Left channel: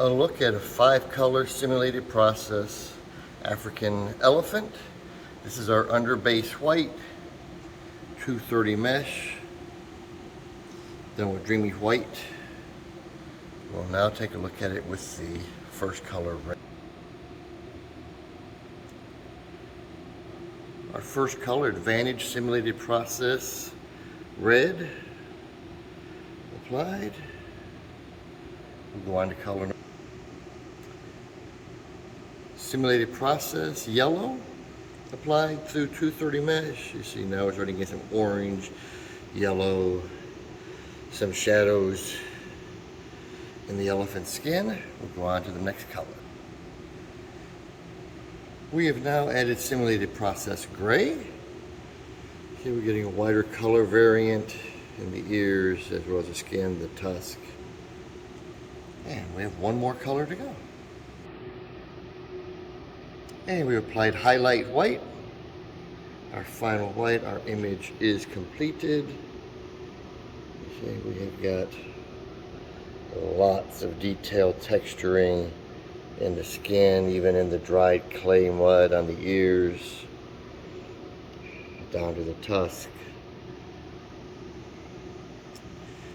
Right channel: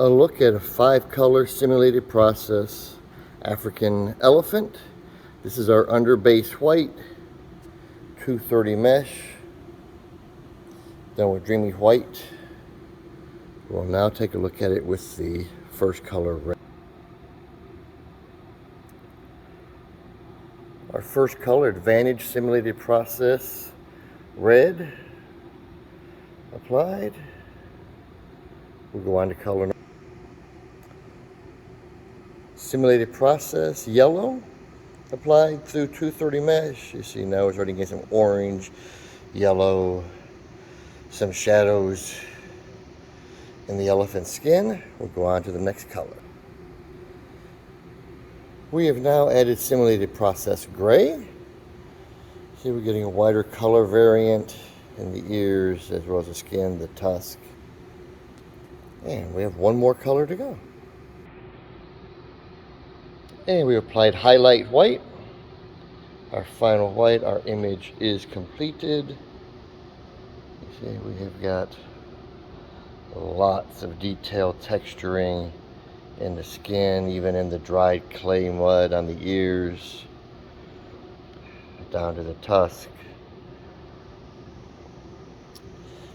A look at a 5-color simulated process African elephant. This is our under base white, 230 mesh, done with dreamy white. We'll now take a look at it with the first color red. Our first color, Advantage simulated process red, applied. We'll go on to color simulated process yellow, applied through 230 mesh. You see now we're starting to get some orange, yellow, some shadows in the elephant skin. We'll go on to the next color. We have now added simulated process gray. See, we're getting a wider color variant in the ears as well as the skin, the tusk. And we have one more color to go. And we applied highlight white. Our final white, our image is completed. You see, we have got lots of detailed texturing in the skin, even in the dried clay mud on the ears, down to the tusk.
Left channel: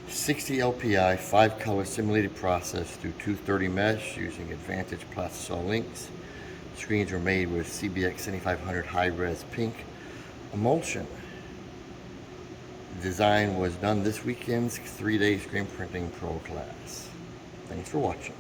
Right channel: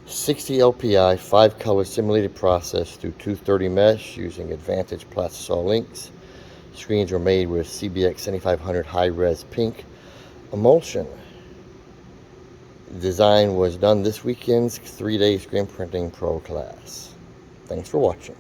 60 LPI, 5-color simulated process through 230 mesh using Advantage plastisol inks. Screens were made with CBX 7500 high-res pink emulsion. Design was done this weekend's 3-day screen printing pro class. Thanks for watching.